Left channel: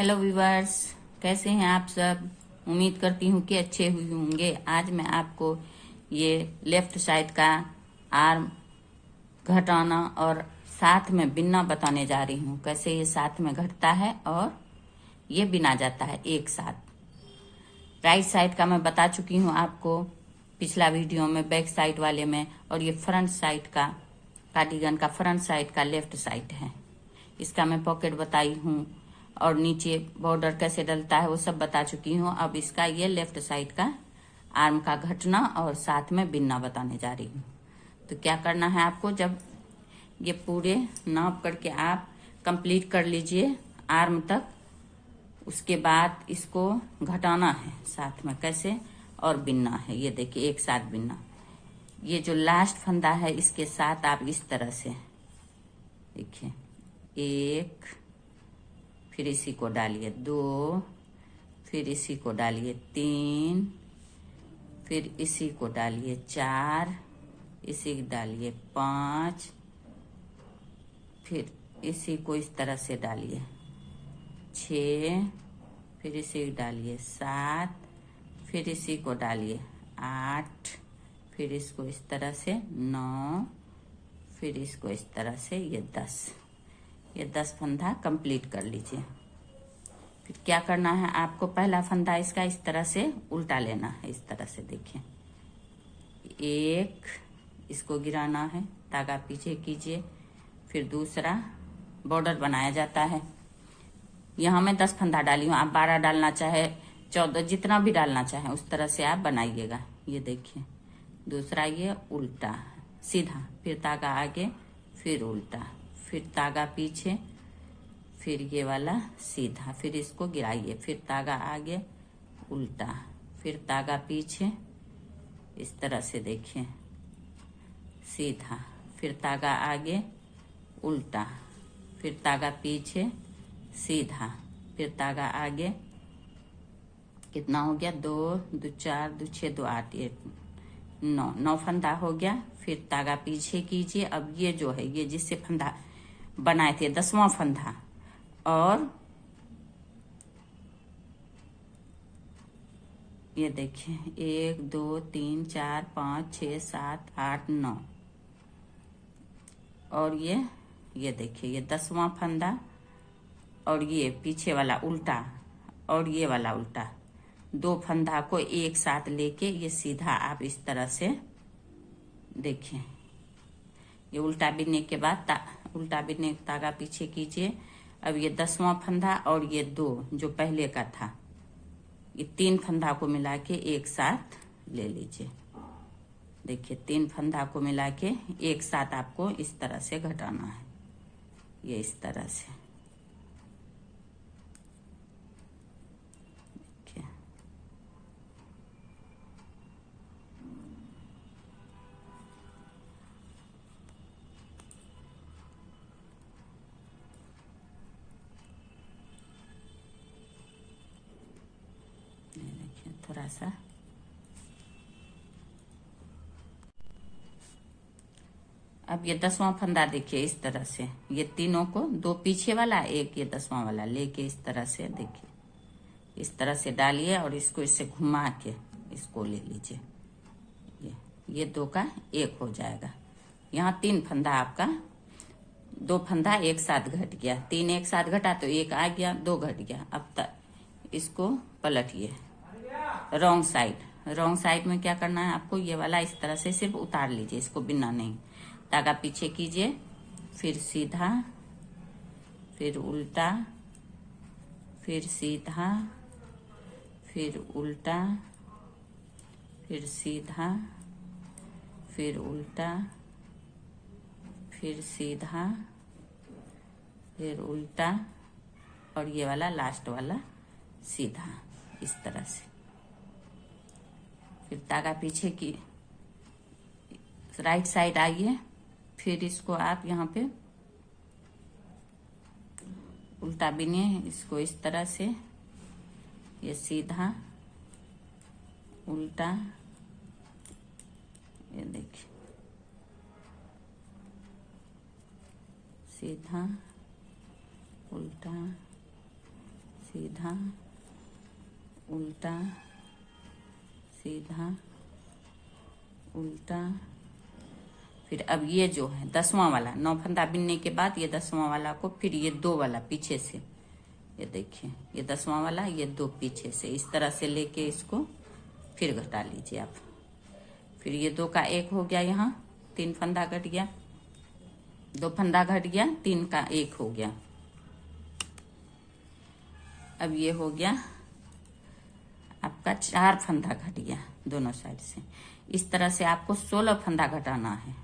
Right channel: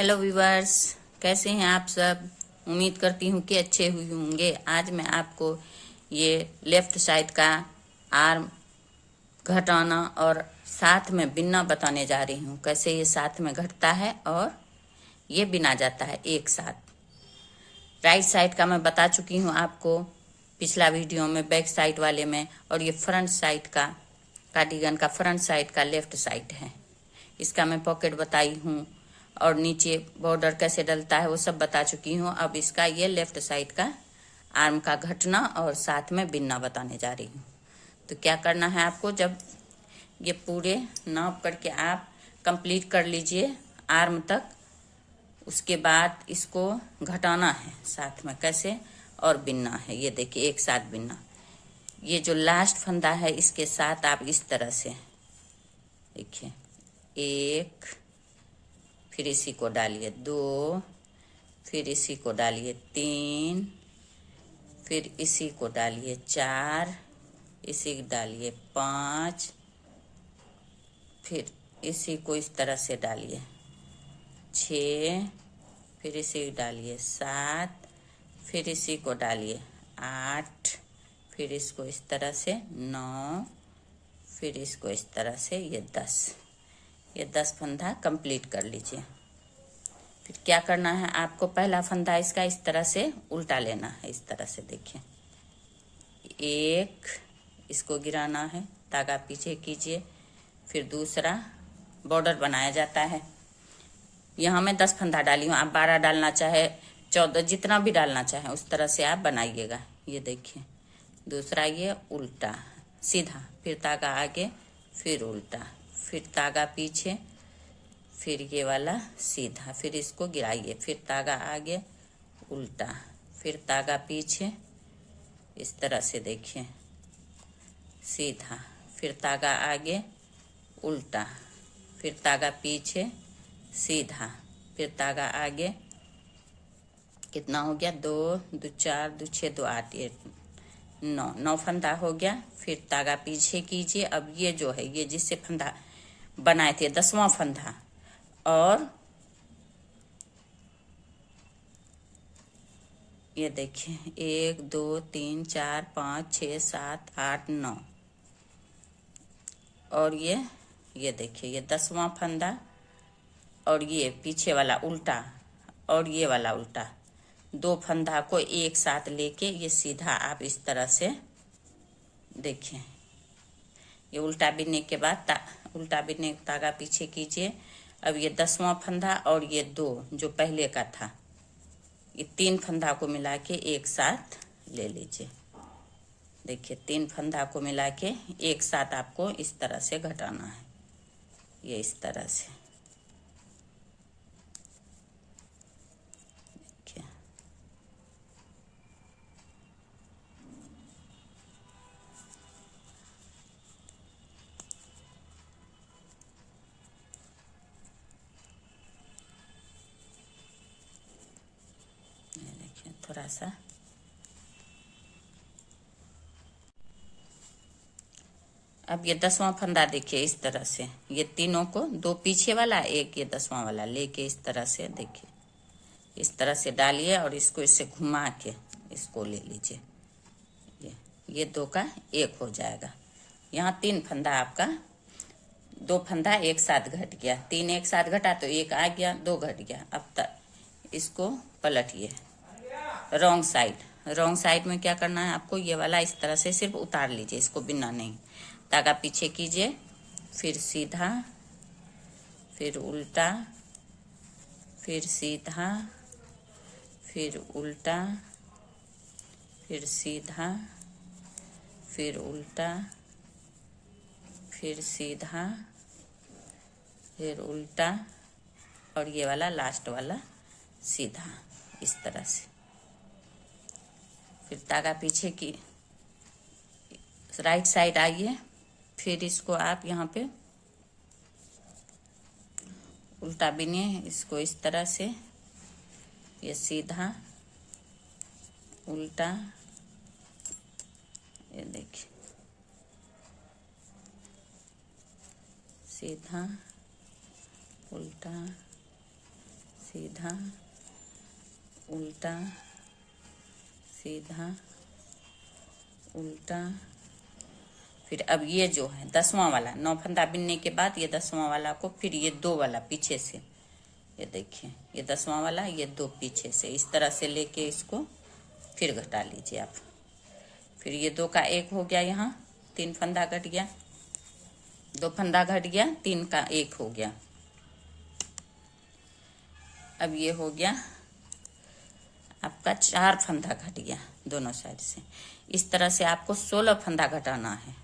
Hello viewers, कैसे हैं आप सब। उम्मीद करती हूँ कि अच्छे हुए होंगे। आज मैं आपको ये लेफ्ट साइड का आर्म घटाना और साथ में बिनना बताने जा रही हूँ। कैसे ये साथ में घटता है और ये बिना जाता है एक साथ। राइट साइड का मैं बता चुकी हूँ आपको पिछला वीडियो में, बैक साइड वाले में। और ये फ्रंट साइड का कार्डिगन का फ्रंट साइड का लेफ्ट साइड है। इसका मैं पॉकेट बताई हूँ और नीचे बॉर्डर कैसे डलता है वो सब बता चुकी हूँ। अब इसका ये लेफ्ट साइड का आर्म का घटना और साथ में बिनना बताने जा रही हूँ। तो क्या करना है आपको, जब ये पूरे नाप करके आप कंप्लीट कर लीजिए आर्म तक, उसके बाद इसको घटाना है साथ में कैसे और बिनना है। ये देखिए एक साथ बिनना। ये जो लास्ट फंदा है इसके साथ आप इस तरह से देखिए, एक, फिर इसी को डालिए दो, फिर इसी को डालिए तीन, फिर इसी को डालिए चार, इसी को डालिए पाँच, फिर इसी को इस तरह से डालिए छः, फिर इसी को डालिए सात, फिर इसी को डालिए आठ, फिर इसको इस तरह से नौ, फिर इसको इस तरह से ये 10। ये 10 फंदा कंप्लीट कर लीजिए। फिर क्या करना है आपको, पहला फंदा इसका इस तरह से उल्टा लेना है। इस तरह से देखिए, एक, इसको गिराना है, धागा पीछे कीजिए। फिर दूसरा बॉर्डर बनाया जाता है। यहाँ मैं 10 फंदा डाली हूँ, आप 12 डालना चाहे 14, जितना भी डालना चाहे उस तरह से आप बनाइएगा। ये देखिए दूसरा, ये उल्टा सीधा, फिर धागा आगे, फिर उल्टा, फिर धागा पीछे, फिर ये वाला सीधा, फिर इसको गिराइए, फिर धागा आगे उल्टा, फिर धागा पीछे, इस तरह से देखिए सीधा, फिर धागा आगे उल्टा, फिर धागा पीछे सीधा, फिर धागा आगे। कितना हो गया, दो दो चार, दो छः, दो आठ, ये नौ फंदा हो गया। फिर धागा पीछे कीजिए। अब ये जो है, ये जिससे फंदा बनाए थे 10वां फंदा, और ये देखिए 1 2 3 4 5 6 7 8 9, और ये देखिए ये 10वां फंदा, और ये पीछे वाला उल्टा और ये वाला उल्टा, दो फंदा को एक साथ लेके ये सीधा आप इस तरह से देखिए। ये उल्टा बिनने के बाद उल्टा बिनने धागा पीछे कीजिए। अब ये 10वां फंदा और ये दो जो पहले का था, ये 3 फंदा को मिला के एक साथ ले लीजिए। देखिए 3 फंदा को मिला के एक साथ आपको इस तरह से घटाना है। ये इस तरह से देखिए। देखिए थोड़ा सा, अब ये 10वां फंदा देखिए इस तरह से, ये तीनों को, दो पीछे वाला एक ये 10वां वाला लेके इस तरह से देखिए, इस तरह से डालिए और इसको इससे घुमा के इसको ले लीजिए। ये दो का एक हो जाएगा। यहाँ 3 फंदा आपका, 2 फंदा एक साथ घट गया, 3 एक साथ घटा तो एक आ गया, 2 घट गया। अब तक इसको पलटिए रॉन्ग साइड। रॉन्ग साइड में क्या करना है आपको, ये वाला इस तरह से सिर्फ उतार लीजिए, इसको बिना नहीं, धागा पीछे कीजिए, फिर सीधा, फिर उल्टा, फिर सीधा, फिर उल्टा, फिर सीधा, फिर उल्टा, फिर सीधा, फिर उल्टा, और ये वाला लास्ट वाला सीधा, इस तरह से। फिर धागा पीछे की राइट साइड आइए, फिर इसको आप यहाँ पे उल्टा बिनिए, इसको इस तरह से, ये सीधा उल्टा, ये देखिए सीधा उल्टा सीधा, उल्टा, सीधा, उल्टा। फिर अब ये जो है 10वां वाला, 9 फंदा बिनने के बाद ये 10वां वाला को फिर ये 2 वाला पीछे से, ये देखिए ये 10वां वाला, ये 2 पीछे से, इस तरह से लेके इसको फिर घटा लीजिए आप। फिर ये 2 का 1 हो गया, यहाँ 3 फंदा घट गया, 2 फंदा घट गया, 3 का 1 हो गया। अब ये हो गया आपका 4 फंदा घट गया दोनों साइड से। इस तरह से आपको 16 फंदा घटाना है,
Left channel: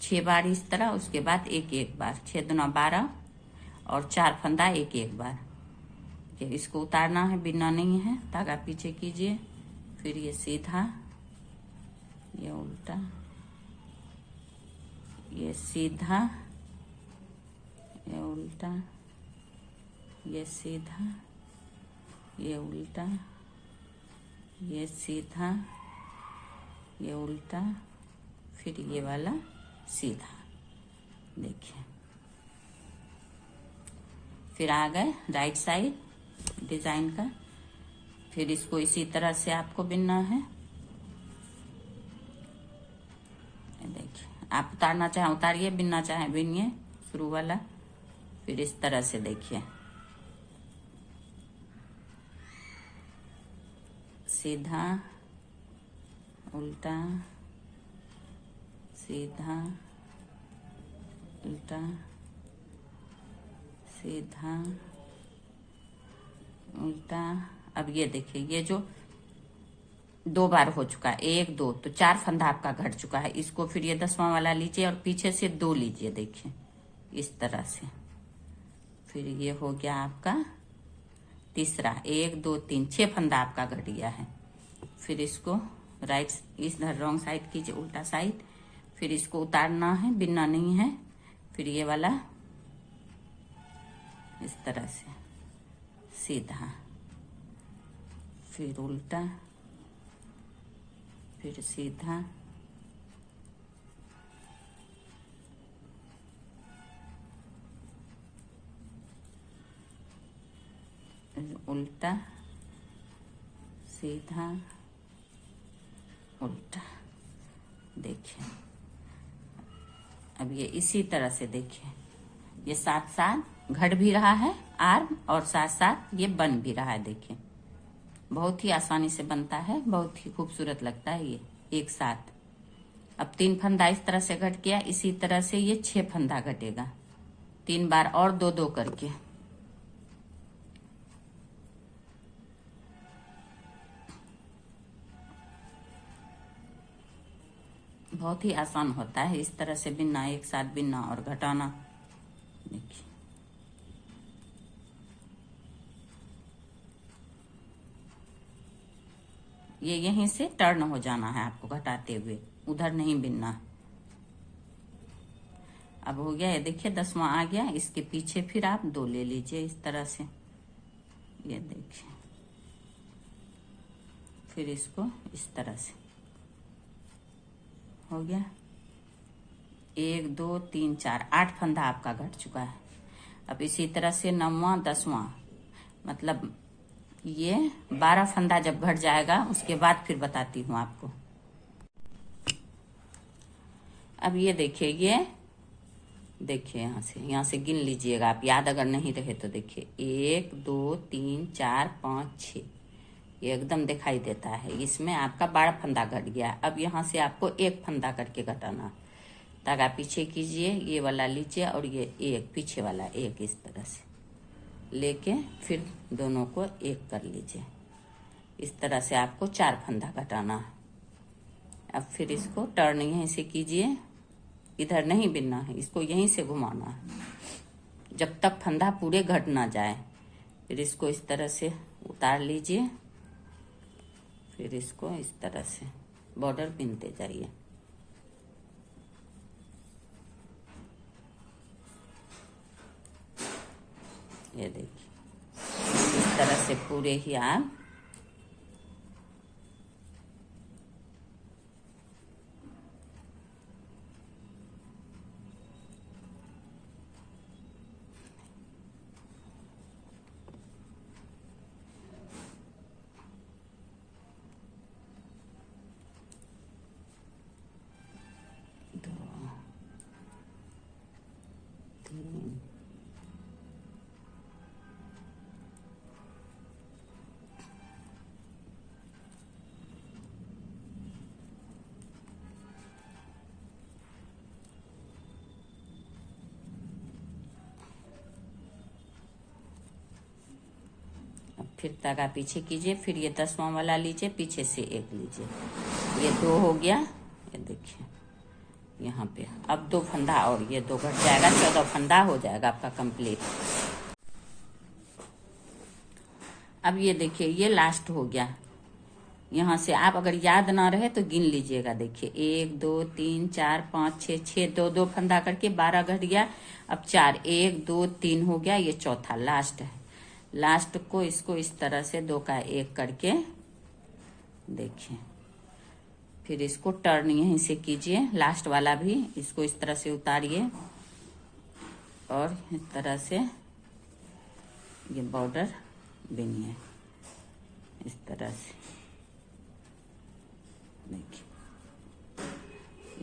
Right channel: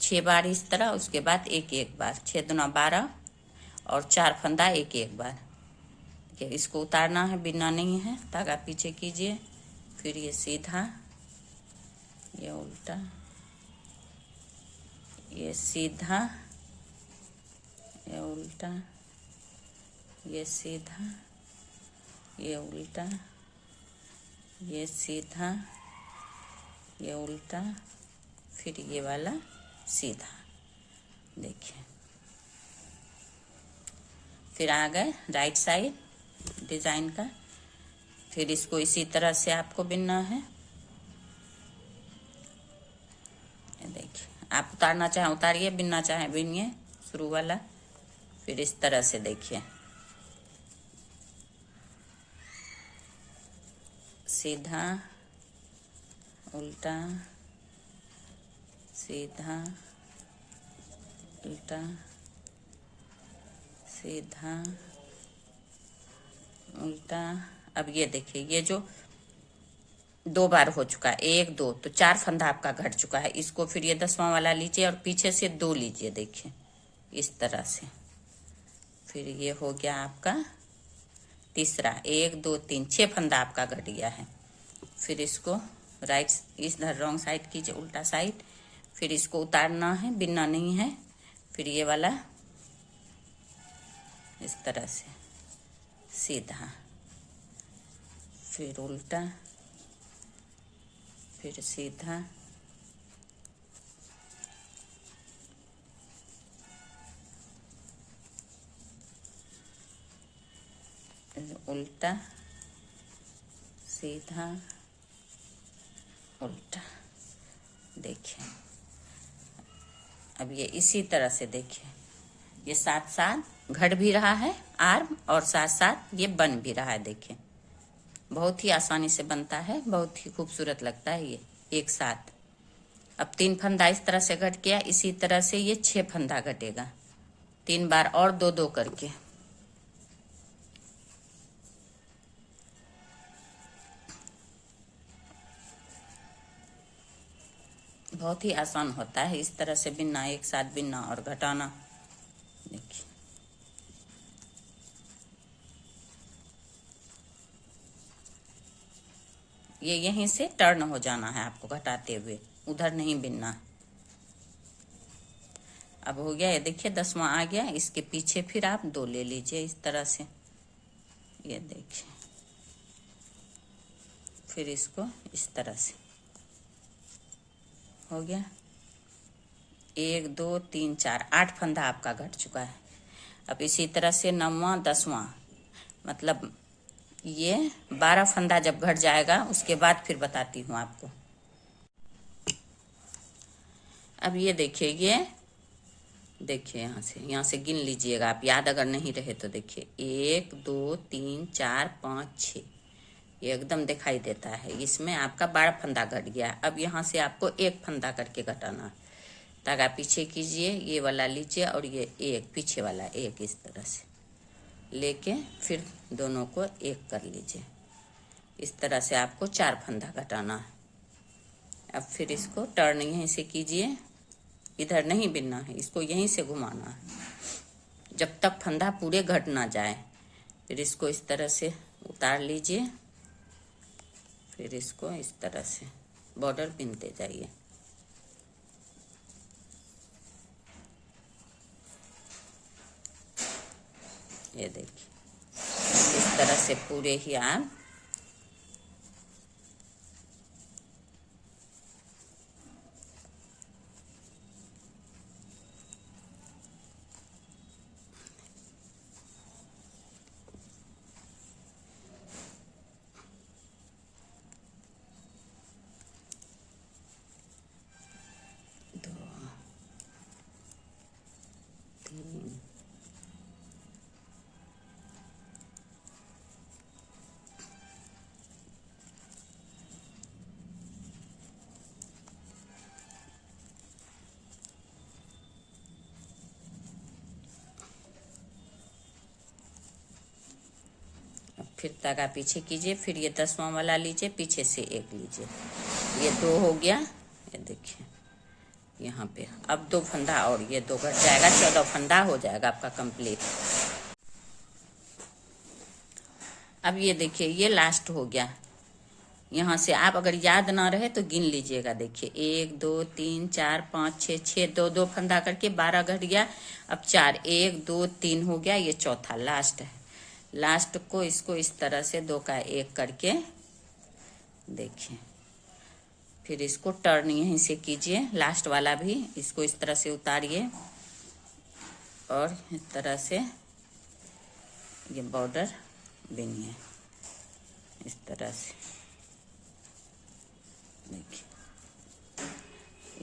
6 बार इस तरह, उसके बाद एक एक बार, 6 दूना 12 और 4 फंदा एक एक बार। देखिए इसको उतारना है, बिनना नहीं है, धागा पीछे कीजिए, फिर ये सीधा, ये उल्टा, ये सीधा, ये उल्टा, ये सीधा, ये उल्टा, ये सीधा, ये उल्टा, फिर ये वाला सीधा। देखिए फिर आ गए राइट साइड डिजाइन का। फिर इसको इसी तरह से आपको बिनना है। देखिए आप उतारना चाहे उतारिए, बिनना चाहे बिनिए, शुरू वाला। फिर इस तरह से देखिए सीधा, उल्टा, सीधा, उल्टा, सीधा, उल्टा। अब ये देखिए ये जो 2 बार हो चुका है, 1 2, तो 4 फंदा आपका घट चुका है। इसको फिर ये 10वां वाला लीजिए और पीछे से 2 लीजिए, देखिए इस तरह से। फिर ये हो गया आपका तीसरा, 1 2 3, 6 फंदा आपका घट गया है। फिर इसको राइट, इधर रॉन्ग साइड कीजिए, उल्टा साइड। फिर इसको उतारना है, बिनना नहीं है। फिर ये वाला इस तरह से सीधा, फिर उल्टा, फिर सीधा, उल्टा, सीधा, उल्टा। देखिए अब ये इसी तरह से देखिए, ये साथ साथ घट भी रहा है आर्म और साथ साथ ये बन भी रहा है। देखिए बहुत ही आसानी से बनता है, बहुत ही खूबसूरत लगता है ये एक साथ। अब 3 फंदा इस तरह से घट गया, इसी तरह से ये 6 फंदा घटेगा 3 बार और 2 2 करके। बहुत ही आसान होता है इस तरह से बिनना, एक साथ बिनना और घटाना। देखिए ये यहीं से टर्न हो जाना है आपको घटाते हुए, उधर नहीं बिनना। अब हो गया ये, देखिए 10वां आ गया, इसके पीछे फिर आप 2 ले लीजिए इस तरह से। ये देखिए फिर इसको इस तरह से हो गया, 1 2 3 4, 8 फंदा आपका घट चुका है। अब इसी तरह से 9वां 10वां, मतलब ये 12 फंदा जब घट जाएगा उसके बाद फिर बताती हूँ आपको। अब ये देखिए, ये देखिए यहाँ से गिन लीजिएगा आप, याद अगर नहीं रहे तो। देखिए 1 2 3 4 5 6, ये एकदम दिखाई देता है। इसमें आपका 12 फंदा घट गया। अब यहाँ से आपको 1 फंदा करके घटाना। धागा पीछे कीजिए, ये वाला लीजिए और ये एक पीछे वाला एक, इस तरह से लेके फिर दोनों को एक कर लीजिए। इस तरह से आपको 4 फंदा घटाना है। अब फिर इसको टर्न यहीं से कीजिए, इधर नहीं बिनना है, इसको यहीं से घुमाना है जब तक फंदा पूरे घट ना जाए। फिर इसको इस तरह से उतार लीजिए, फिर इसको इस तरह से बॉर्डर बिनते जाइए। ये देखिए इस तरह से पूरे ही आप फिर धागा पीछे कीजिए, फिर ये 10वां वाला लीजिए, पीछे से एक लीजिए, ये 2 हो गया। ये देखिए यहाँ पे अब 2 फंदा और ये 2 घट जाएगा, 14 फंदा हो जाएगा आपका कंप्लीट। अब ये देखिए ये लास्ट हो गया। यहाँ से आप अगर याद ना रहे तो गिन लीजिएगा। देखिए 1 2 3 4 5 6 6 2 2 फंदा करके 12 घट गया। अब 4 1 2 3 हो गया, ये चौथा लास्ट है। लास्ट को इसको इस तरह से 2 का 1 करके देखिए, फिर इसको टर्न यहीं से कीजिए, लास्ट वाला भी इसको इस तरह से उतारिए और इस तरह से ये बॉर्डर बिनिए इस तरह से। देखिए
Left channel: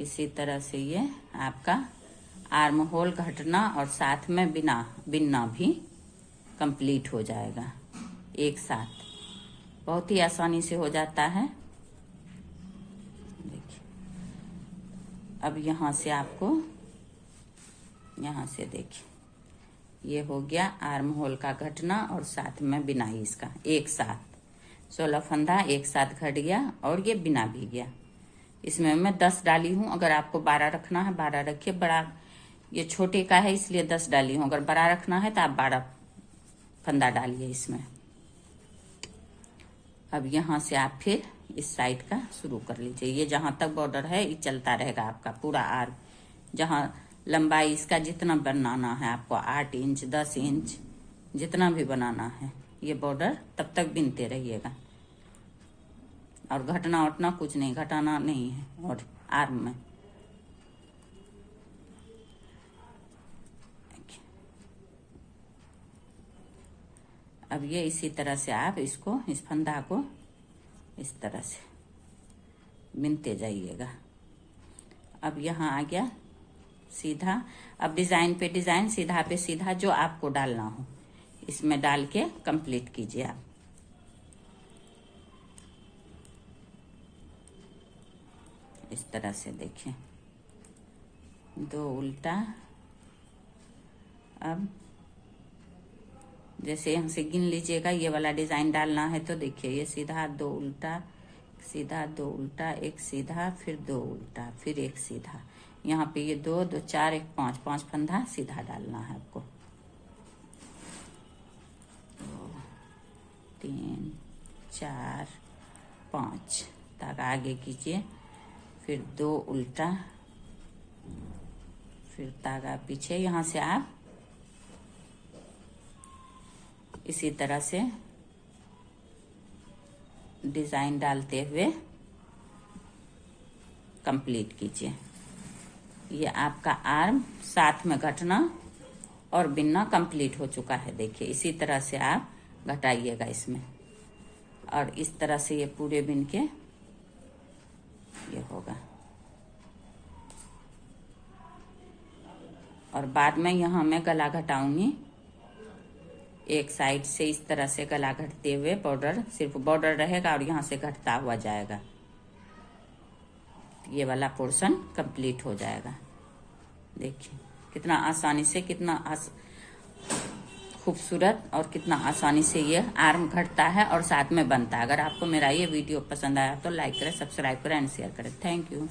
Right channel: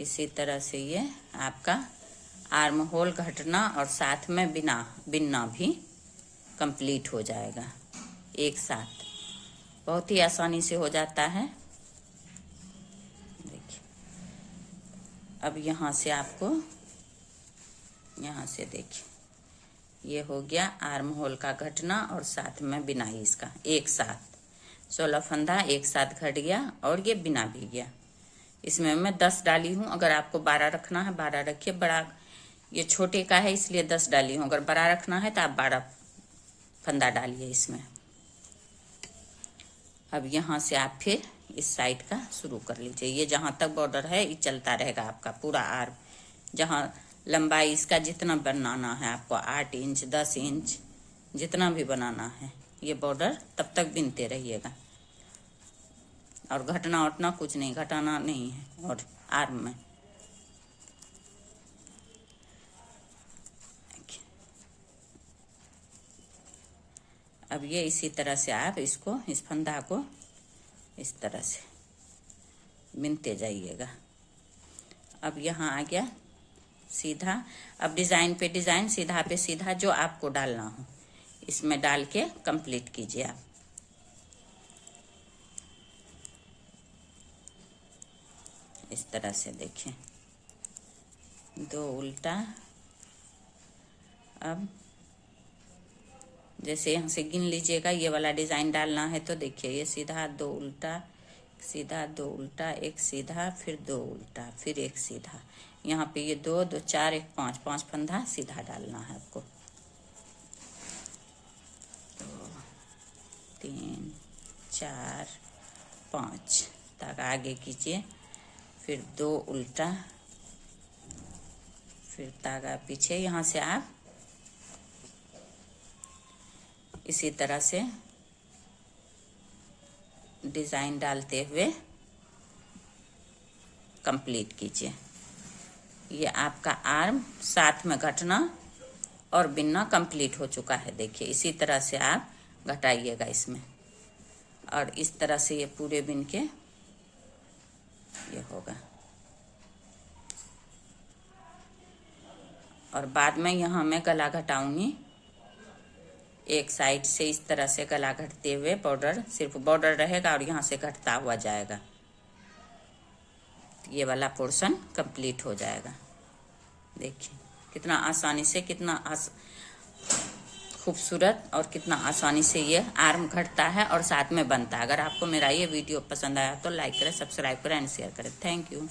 इसी तरह से ये आपका आर्म होल घटना और साथ में बिनना भी कंप्लीट हो जाएगा एक साथ। बहुत ही आसानी से हो जाता है। देखिए अब यहाँ से आपको यहाँ से देखिए ये हो गया आर्म होल का घटना और साथ में बिनाई इसका एक साथ 16 फंदा एक साथ घट गया और ये बिना भी गया। इसमें मैं 10 डाली हूँ, अगर आपको 12 रखना है 12 रखिए। बड़ा ये छोटे का है इसलिए 10 डाली हूँ, अगर बड़ा रखना है तो आप 12 फंदा डालिए इसमें। अब यहाँ से आप फिर इस साइड का शुरू कर लीजिए। ये जहाँ तक बॉर्डर है ये चलता रहेगा आपका पूरा आर्म। जहाँ लंबाई इसका जितना बनाना है आपको 8 इंच 10 इंच जितना भी बनाना है ये बॉर्डर तब तक बिनते रहिएगा। और घटना उठना कुछ नहीं, घटाना नहीं है और आर्म में। अब ये इसी तरह से आप इसको इस फंदा को इस तरह से बिनते जाइएगा। अब यहाँ आ गया सीधा। अब डिजाइन पे डिजाइन, सीधा पे सीधा जो आपको डालना हो इसमें डाल के कंप्लीट कीजिए आप। इस तरह से देखिए 2 उल्टा। अब जैसे यहाँ से गिन लीजिएगा, ये वाला डिजाइन डालना है तो देखिए ये सीधा 2 उल्टा, सीधा 2 उल्टा, एक सीधा, फिर 2 उल्टा, फिर एक सीधा। यहाँ पे ये 2 2 4 1 5 5 फंदा सीधा डालना है आपको। 2 3 4 5 तक आगे कीजिए, फिर 2 उल्टा, फिर धागा पीछे। यहाँ से आप इसी तरह से डिजाइन डालते हुए कंप्लीट कीजिए। ये आपका आर्म साथ में घटना और बिनना कंप्लीट हो चुका है। देखिए इसी तरह से आप घटाइएगा इसमें और इस तरह से ये पूरे बिन के ये होगा। और बाद में यहाँ मैं गला घटाऊंगी, एक साइड से इस तरह से गला घटते हुए बॉर्डर, सिर्फ बॉर्डर रहेगा और यहाँ से घटता हुआ जाएगा। ये वाला पोर्शन कंप्लीट हो जाएगा। देखिए कितना आसानी से, कितना खूबसूरत और कितना आसानी से ये आर्म घटता है और साथ में बनता है। अगर आपको मेरा ये वीडियो पसंद आया तो लाइक करें, सब्सक्राइब करें एंड शेयर करें। Thank you.